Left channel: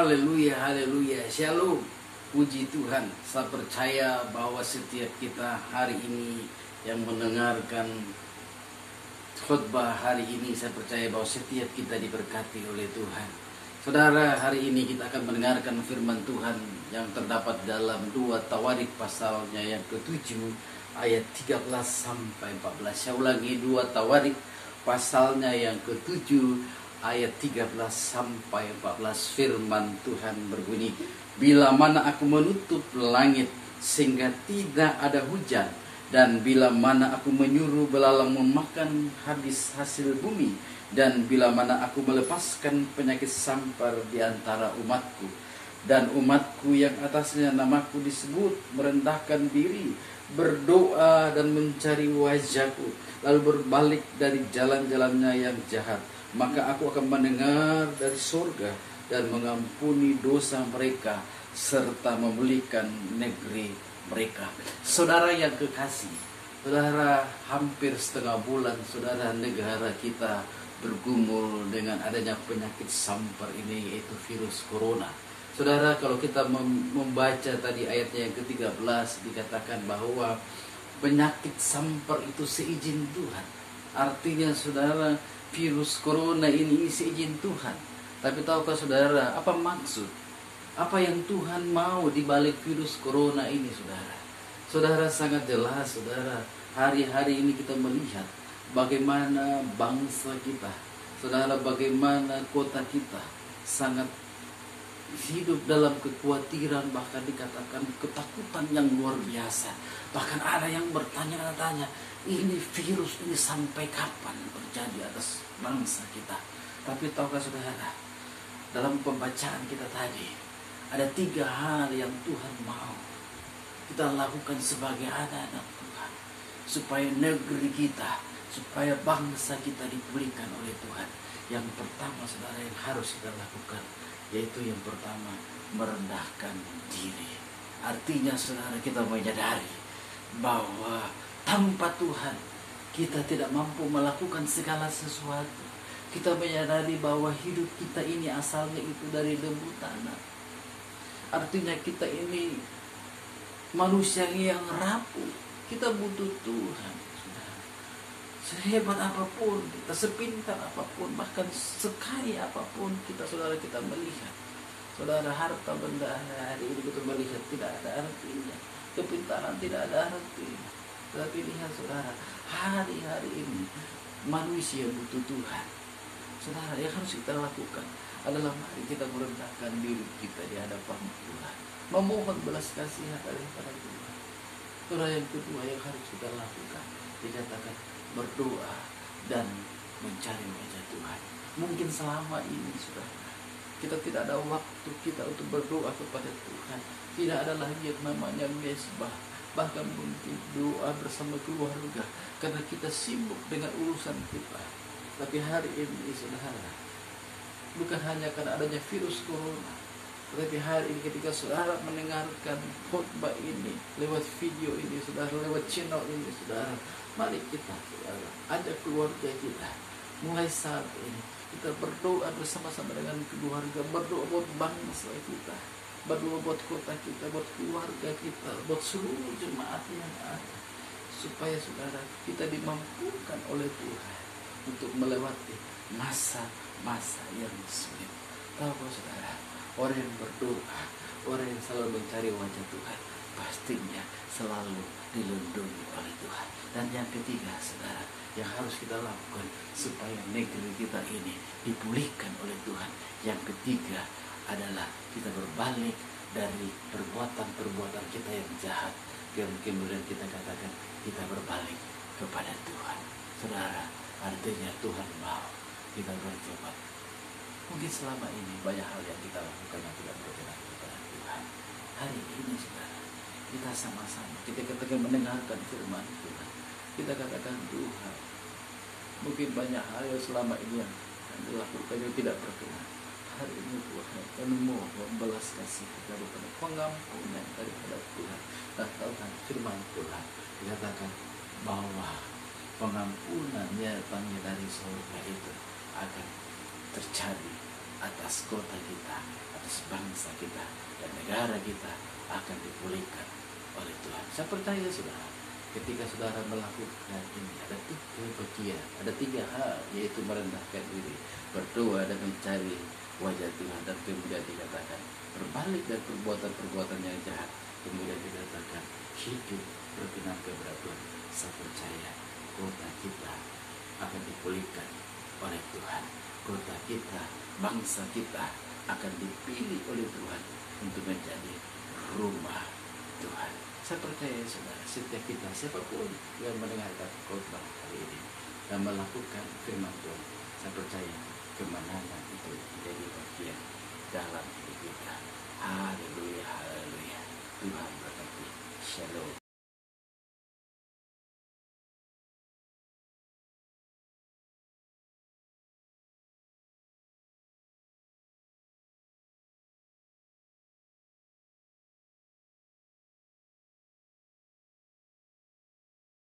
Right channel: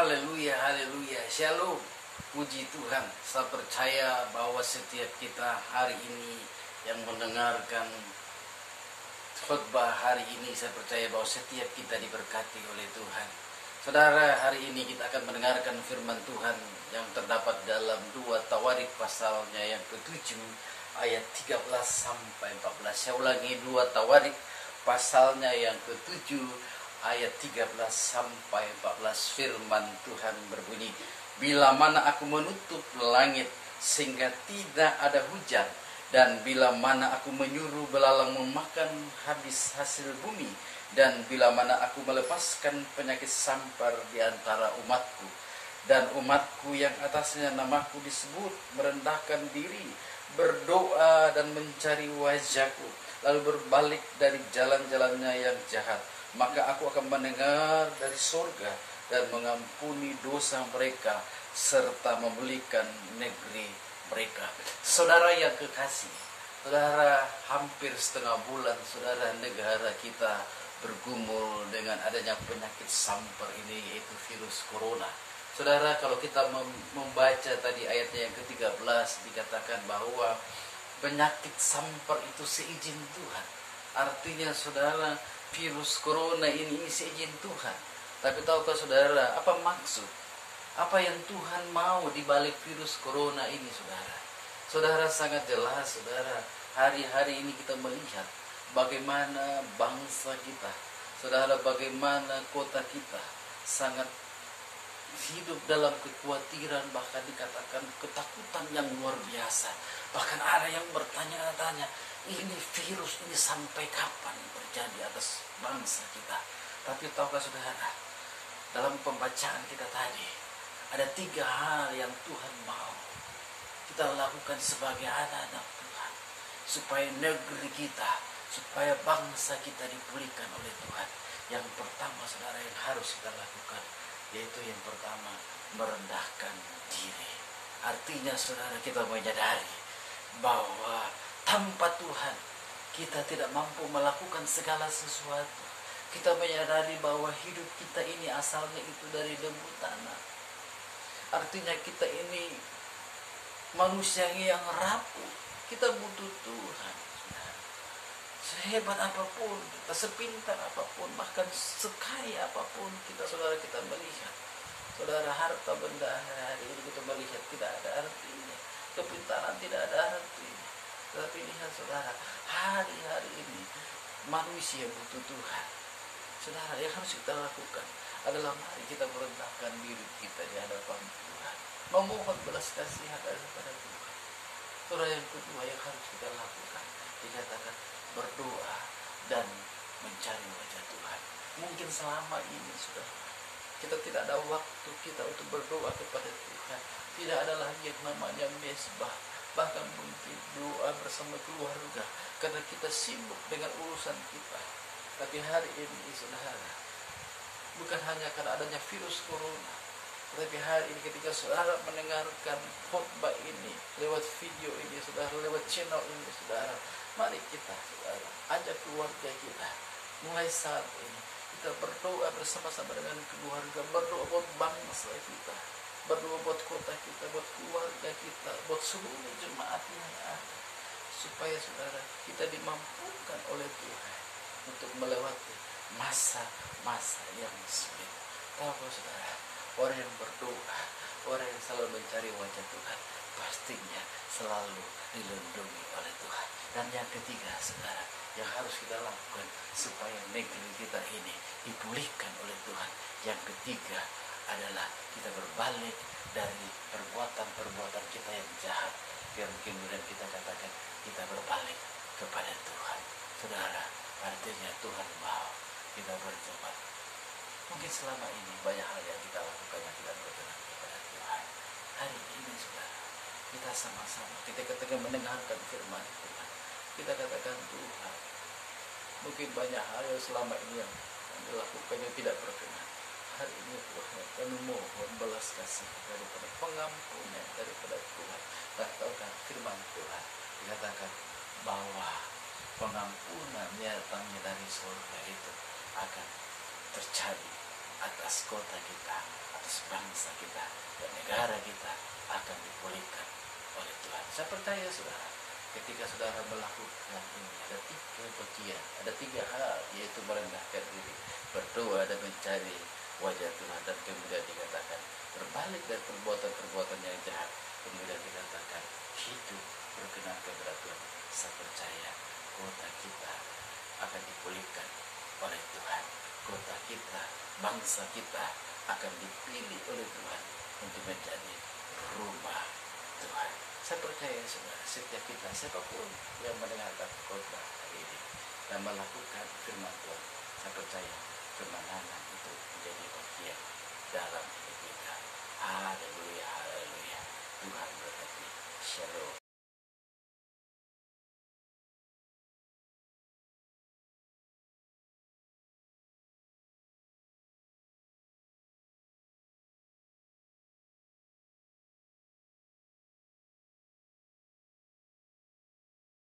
Haleluya, haleluya, shalom. Puji Tuhan, saya percaya bahwa setiap kita hari ini yang mendengarkan khutbah hari ini, saya percaya bahwa setiap kita diberkati oleh Tuhan. Saudara, hari ini kita akan mendengarkan firman Tuhan yang terdapat dalam 2 Tawarik pasalnya yang ke-7 ayat 13 sampai 14. Saya ulangi, 2 Tawarik pasalnya yang ke-7 ayat 13 sampai 14. Firman Tuhan berbunyi, bila mana aku menutup langit sehingga tidak ada hujan, dan bila mana aku menyuruh belalang memakan habis hasil bumi, dan bila mana aku melepaskan penyakit sampar di antara umatku, dan umatku yang atasnya namaku disebut merendahkan diri, berdoa dan mencari wajahku, lalu berbalik dari jalan-jalannya yang jahat, maka aku akan mendengar dari surga dan mengampuni dosa mereka serta memulihkan negeri mereka. Saudara yang kekasih, saudara, hampir setengah bulan saudara negara kita bergumul dengan adanya penyakit sampar ini, yaitu virus corona. Saudara, kalau kita membaca tadi ayatnya yang ke-13, dikatakan bahwa penyakit sampar itu seizin Tuhan. Artinya saudara, virus corona ini seizin Tuhan. Tapi tahukah saudara apa maksud? Apa yang Tuhan mau di balik virus corona ini, saudara? Saudara, sangat jelas, saudara. Hari-hari ini kita melihat bagaimana bangsa kita, saudara, bagaimana kota kita sangat hidup dalam kekhawatiran, bahkan dikatakan ketakutan yang luar biasa. Bahkan ada yang bertanya-tanya, ini virus ini sampai kapan terjadi atas bangsa kita? Tapi tahukah saudara, dalam pembacaan kita tadi, ada 3 hal yang Tuhan mau kita lakukan sebagai anak-anak Tuhan, supaya negeri kita, supaya bangsa kita dipulihkan oleh Tuhan. Yang pertama, saudara, yang harus kita lakukan, yaitu yang pertama, merendahkan diri. Artinya saudara, kita menyadari bahwa tanpa Tuhan kita tidak mampu melakukan segala sesuatu. Kita menyadari bahwa hidup kita ini asalnya itu dari debu tanah. Artinya kita ini manusia yang rapuh. Kita butuh Tuhan, saudara. Sehebat apapun kita, sepintar apapun, bahkan sekaya apapun kita, saudara, kita melihat, saudara, harta benda hari ini kita melihat tidak ada artinya, kepintaran tidak ada artinya. Tapi lihat saudara, hari-hari ini manusia butuh Tuhan. Saudara, yang harus kita lakukan adalah mari kita merendahkan diri kita di hadapan Tuhan, memohon belas kasihan daripada Tuhan. Saudara, yang kedua yang harus kita lakukan, dikatakan berdoa dan mencari wajah Tuhan. Mungkin selama ini saudara, kita tidak ada waktu kita untuk berdoa kepada Tuhan. Tidak ada lagi yang namanya mesbah, bahkan mungkin doa bersama keluarga, karena kita sibuk dengan urusan kita. Tapi hari ini saudara, bukan hanya karena adanya virus corona, tetapi hari ini ketika saudara mendengarkan khotbah ini lewat video ini, saudara, lewat channel ini, saudara, mari kita, saudara, ajak keluarga kita mulai saat ini kita berdoa bersama-sama dengan keluarga, berdoa buat bangsa kita, berdoa buat kota kita, buat keluarga kita, buat seluruh jemaat yang ada, supaya saudara kita dimampukan oleh Tuhan untuk melewati masa-masa yang sulit. Tahu saudara, orang yang berdoa, orang yang selalu mencari wajah Tuhan, pastinya selalu dilindungi oleh Tuhan. Dan yang ketiga, saudara, yang harus kita lakukan supaya negeri kita ini dipulihkan oleh Tuhan, yang ketiga adalah kita berbalik dari perbuatan-perbuatan kita yang jahat, dan kemudian kita katakan kita berbalik kepada Tuhan. Saudara, artinya Tuhan mau kita bertobat. Mungkin selama ini banyak hal yang kita lakukan yang tidak berkenan kepada Tuhan. Hari ini saudara, kita sama-sama ketika mendengarkan firman Tuhan, kita katakan, Tuhan, mungkin banyak hal yang selama ini yang dilakukan yang tidak berkenan. Hari ini Tuhan, kami mohon belas kasih daripada pengampunan daripada Tuhan. Dan tahu kan firman Tuhan dikatakan bahwa pengampunan yang datangnya dari surga itu akan terjadi atas kota kita, atas bangsa kita, dan negara kita akan dipulihkan oleh Tuhan. Saya percaya saudara, ketika saudara melakukan ini, ada 3 bagian, ada 3 hal, yaitu merendahkan diri, berdoa dan mencari wajah Tuhan, dan kemudian dikatakan berbalik dari perbuatan-perbuatan yang jahat, kemudian dikatakan hidup berkenan kepada Tuhan. Saya percaya kota kita akan dipulihkan oleh Tuhan. Kota kita, bangsa kita akan dipilih oleh Tuhan untuk menjadi rumah Tuhan. Saya percaya saudara, setiap kita, siapapun yang mendengarkan khotbah hari ini dan melakukan firman Tuhan, saya percaya kemenangan itu menjadi bagian dalam hidup kita. Haleluya, haleluya. Tuhan berkati. Shalom.